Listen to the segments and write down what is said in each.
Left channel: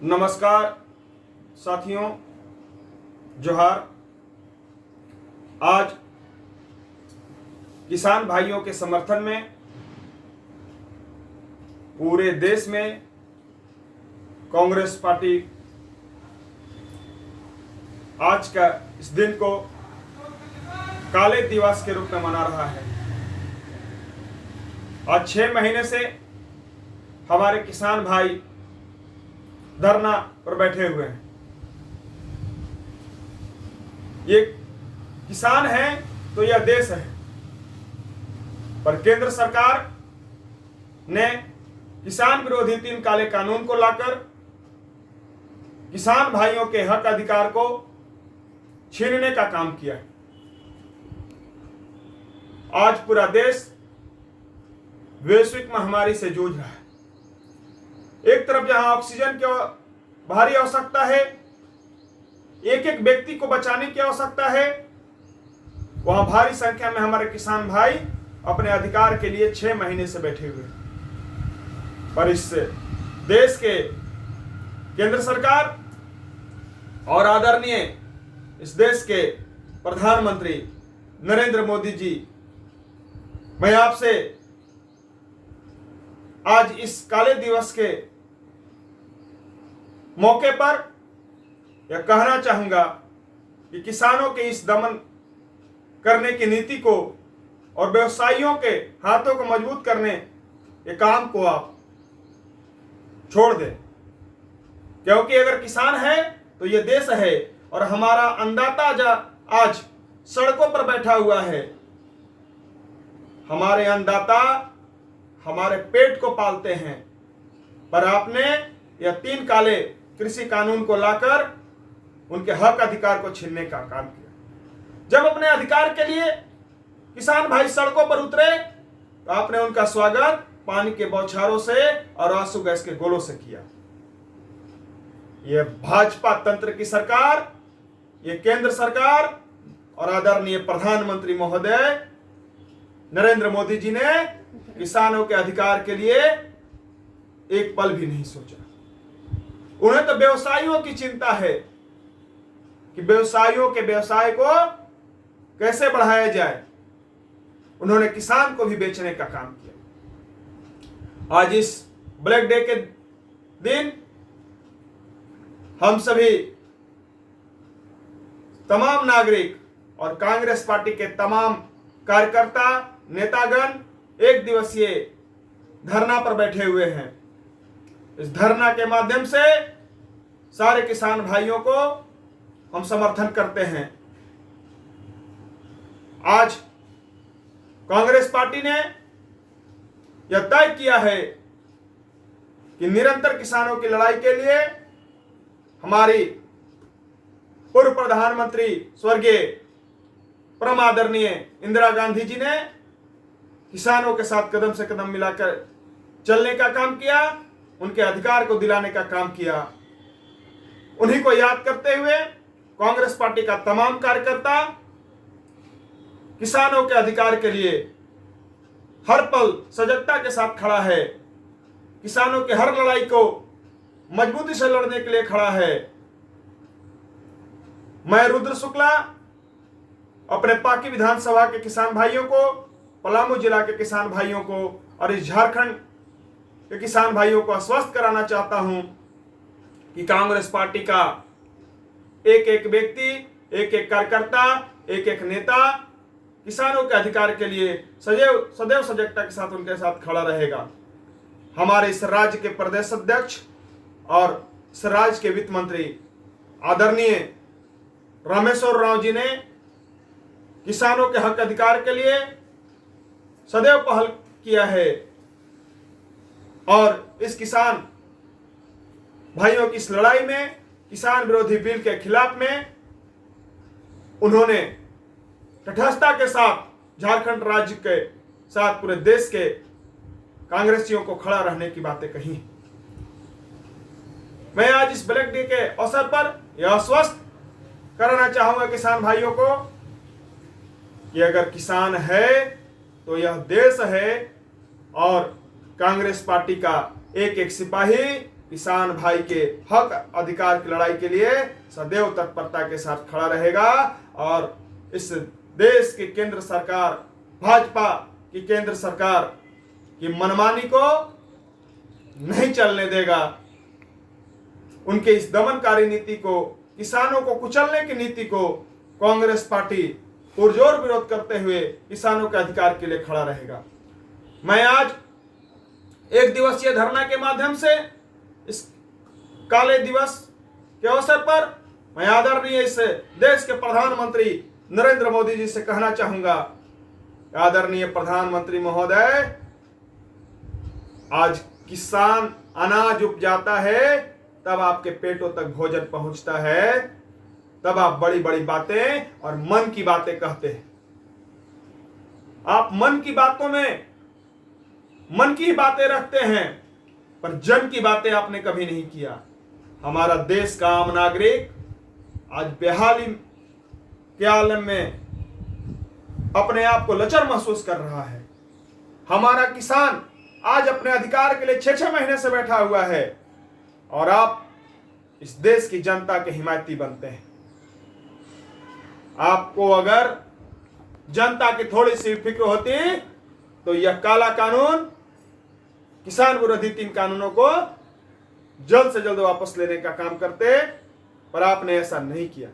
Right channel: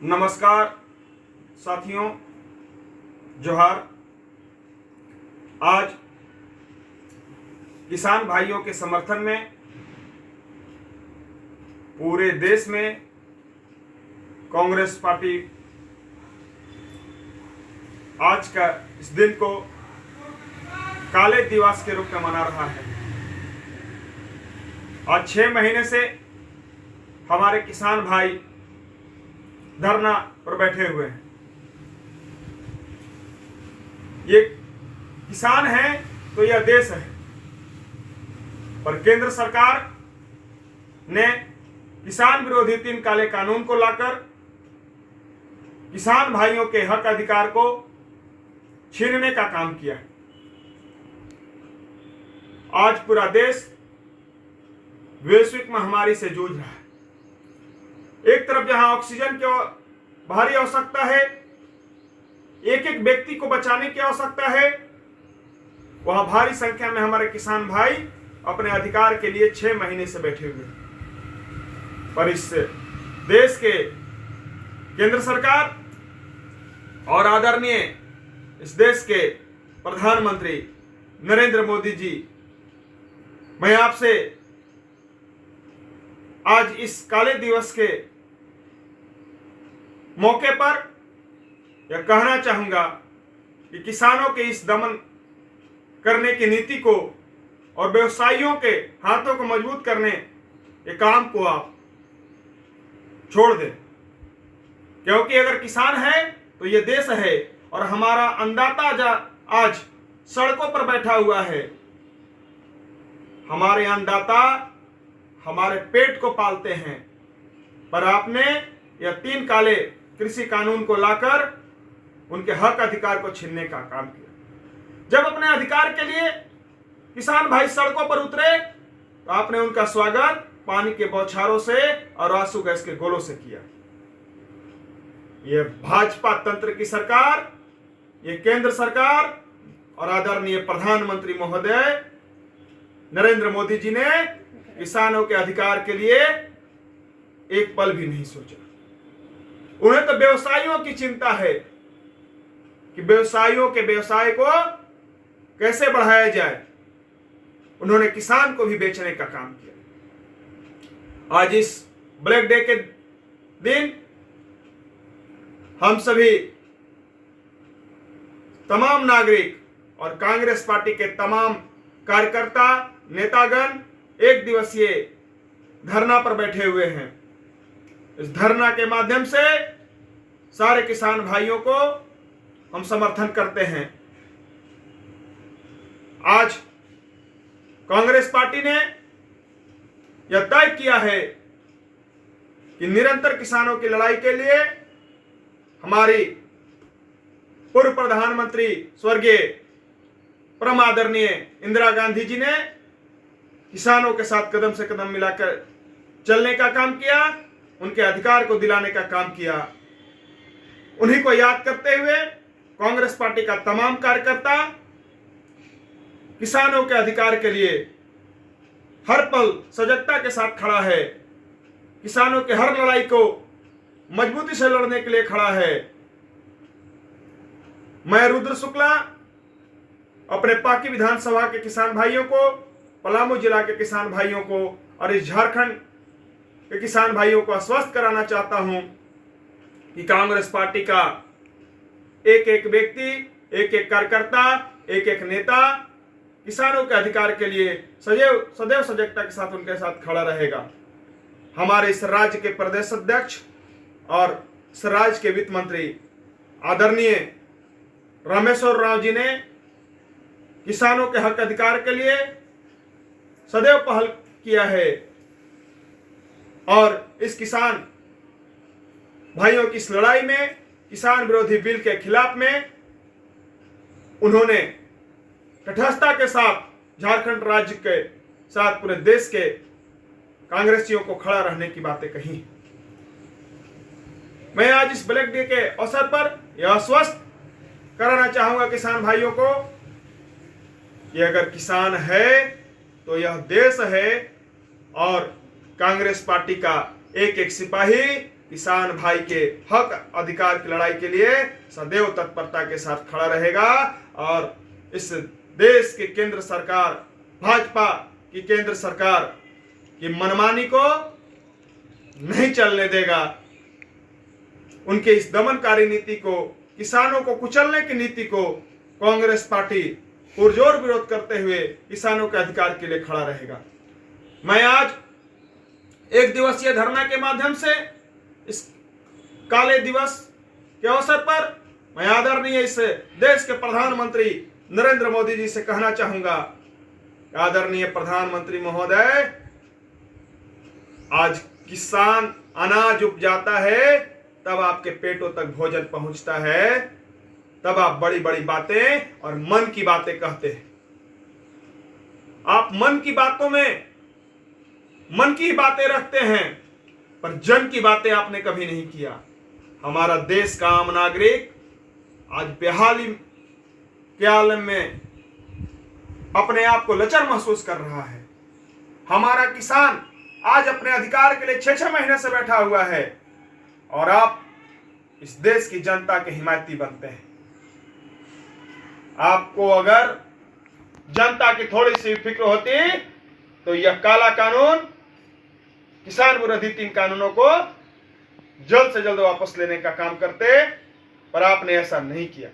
नमस्कार साथियों, जोहार। आज किसान भाइयों के समर्थन में पूरे देश में कांग्रेस पार्टी आज का इस दिन को काले दिवस के रूप में मना रहा है। आज 6 महीने से हमारे किसान भाई धरना पर बैठे हुए हैं। ये किसान है तो यह देश है, पर केंद्र सरकार ने किसान विरोधी 3 काले कानून को लाकर किसान भाइयों के हक अधिकार को छीनने का काम किया है। आज पूरा देश वैश्विक महामारी से जूझ रहा है। एक तरफ जहां ऑक्सीजन की भारी आवश्यकता है, एक एक व्यक्ति को बचाने की आवश्यकता है, वहां भारी संख्या में हमारे किसान भाई अपने अधिकार के लिए 6 महीने से बैठे हुए हैं। पर इस देश के केंद्र सरकार और आदरणीय इस देश के प्रधानमंत्री नरेंद्र मोदी जी, मैं आपसे आज इस काले दिवस के मौके पर यह कहना चाहूंगा कि किसानों के इस दमन करने की नीति को और व्यवसायियों के हाथों को मजबूत करने के काम को आप छोड़ दें, क्योंकि अगर किसान है तो यह देश है और हमारा अन्नदाता आज सड़कों पर बैठा हुआ है। हमारे अन्नदाता हमारे पेट को पालते हैं, पर आपने यह 3 काले कृषि कानून को लाकर उनके हक अधिकार को छीनने का काम किया। जब अपने अधिकार के लिए किसान भाई सड़कों पर उतरे तो आपने उनका स्वागत पानी के बौछारों से और आंसू गैस के गोलों से किया। यह भाजपा तंत्र की सरकार, यह केंद्र सरकार और आदरणीय प्रधानमंत्री महोदय नरेंद्र मोदी जी ने किसानों के अधिकार के लिए एक पल भी नहीं सोचा। उन्हें तो व्यवसायियों की चिंता है कि व्यवसायियों के व्यवसाय को कैसे बढ़ाया जाए। उन्होंने किसान को भी बेचने का काम किया। आज इस ब्लैक डे के दिन हम सभी तमाम नागरिक और कांग्रेस पार्टी के तमाम कार्यकर्ता नेतागण एक दिवसीय धरना पर बैठे हुए हैं। इस धरना के माध्यम से सारे किसान भाइयों को हम समर्थन करते हैं। आज कांग्रेस पार्टी ने यह तय किया है कि निरंतर किसानों की लड़ाई के लिए हमारी पूर्व प्रधानमंत्री स्वर्गीय परम आदरणीय इंदिरा गांधी जी ने किसानों के साथ कदम से कदम मिलाकर चलने का काम किया, उनके अधिकार को दिलाने का काम किया। उन्हीं को याद करते हुए कांग्रेस पार्टी का तमाम कार्यकर्ता किसानों के अधिकार के लिए हर पल सजगता के साथ खड़ा है, किसानों के हर लड़ाई को मजबूती से लड़ने के लिए खड़ा है। मैं रुद्र शुक्ला अपने पाकी विधानसभा के किसान भाइयों को, पलामू जिला के किसान भाइयों को और इस झारखंड के किसान भाइयों को आश्वस्त कराना चाहता हूं कि कांग्रेस पार्टी का एक एक व्यक्ति, एक एक कार्यकर्ता, एक एक नेता किसानों के अधिकार के लिए सदैव सजगता के साथ उनके साथ खड़ा रहेगा। हमारे इस राज्य के प्रदेश अध्यक्ष और इस राज्य के वित्त मंत्री आदरणीय रामेश्वर राव जी ने किसानों के हक अधिकार के लिए सदैव पहल किया है और इस किसान भाइयों की इस लड़ाई में, किसान विरोधी बिल के खिलाफ में उन्होंने तटस्थता के साथ झारखंड राज्य के साथ पूरे देश के कांग्रेसियों को खड़ा रहने की बातें कही। मैं आज इस ब्लैक डे के अवसर पर यह आश्वस्त कराना चाहूंगा किसान भाइयों को कि अगर किसान है तो यह देश है और कांग्रेस पार्टी का एक एक सिपाही किसान भाई के हक अधिकार की लड़ाई के लिए सदैव तत्परता के साथ खड़ा रहेगा और इस देश की केंद्र सरकार, भाजपा की केंद्र सरकार की मनमानी को नहीं चलने देगा। उनके इस दमनकारी नीति को, किसानों को कुचलने की नीति को कांग्रेस पार्टी पुरजोर विरोध करते हुए किसानों के अधिकार के लिए खड़ा रहेगा। मैं आज एक दिवसीय धरना के माध्यम से इस काले दिवस के अवसर पर मैं आदरणीय इस देश के प्रधानमंत्री नरेंद्र मोदी जी से कहना चाहूंगा, आदरणीय प्रधानमंत्री महोदय, आज किसान अनाज उपजाता है तब आपके पेटों तक भोजन पहुंचता है, तब आप बड़ी बड़ी बातें और मन की बातें कहते हैं। आप मन की बातों में मन की बातें रखते हैं, पर जन की बातें आपने कभी नहीं किया। हमारा देश का आम नागरिक आज बेहाली के आलम में अपने आप को लचर महसूस कर रहा है। हमारा किसान आज अपने अधिकार के लिए 6-6 महीने से बैठा हुआ है और आप इस देश की जनता के हिमायती बनते हैं। आपको अगर जनता की थोड़ी सी फिक्र होती तो यह काला कानून, किसान विरोधी 3 कानूनों को जल्द से जल्द वापस लेने का काम करते, पर आपने ऐसा नहीं किया।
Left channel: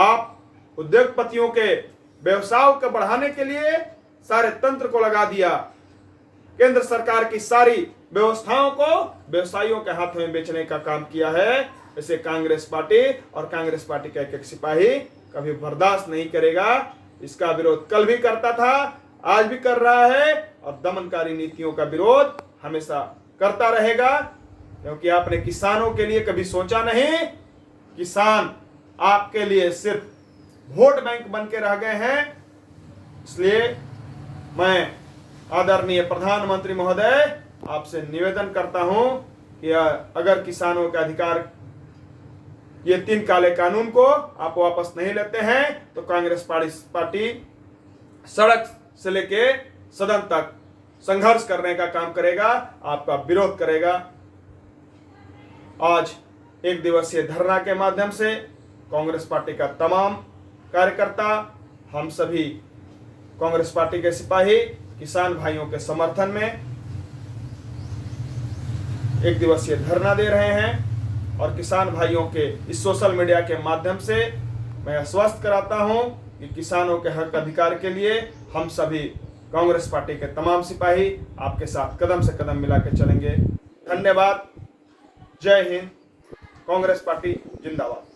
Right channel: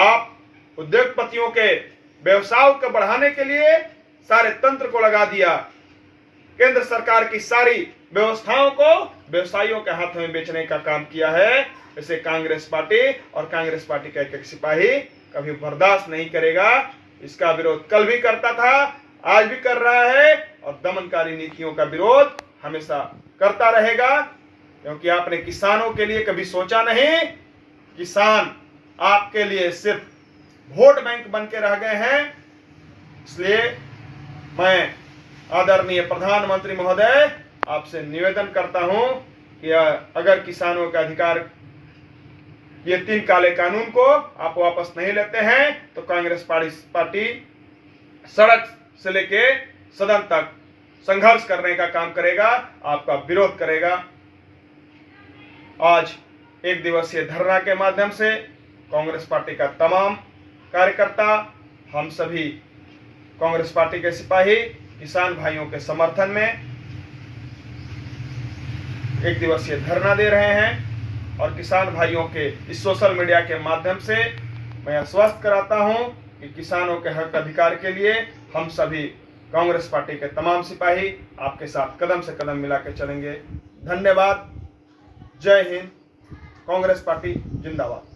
आप उद्योगपतियों के व्यवसाय को बढ़ाने के लिए सारे तंत्र को लगा दिया। केंद्र सरकार की सारी व्यवस्थाओं को व्यवसायियों के हाथ में बेचने का काम किया है। इसे कांग्रेस पार्टी और कांग्रेस पार्टी का एक सिपाही कभी बर्दाश्त नहीं करेगा। इसका विरोध कल भी करता था, आज भी कर रहा है और दमनकारी नीतियों का विरोध हमेशा करता रहेगा, क्योंकि आपने किसानों के लिए कभी सोचा नहीं। किसान आपके लिए सिर्फ वोट बैंक बन के रह गए हैं। इसलिए मैं आदरणीय प्रधानमंत्री महोदय आपसे निवेदन करता हूं कि अगर किसानों के अधिकार, ये 3 काले कानून को आप वापस नहीं लेते हैं तो कांग्रेस पार्टी सड़क से लेके सदन तक संघर्ष करने का काम करेगा, आपका विरोध करेगा। आज एक दिवसीय धरना के माध्यम से कांग्रेस पार्टी का तमाम कार्यकर्ता, हम सभी कांग्रेस पार्टी के सिपाही किसान भाइयों के समर्थन में एक दिवसीय धरना दे रहे हैं और किसान भाइयों के इस सोशल मीडिया के माध्यम से मैं आश्वस्त कराता हूं कि किसानों के हक अधिकार के लिए हम सभी कांग्रेस पार्टी के तमाम सिपाही आपके साथ कदम से कदम मिला के चलेंगे। धन्यवाद। जय हिंद। कांग्रेस पार्टी जिंदाबाद।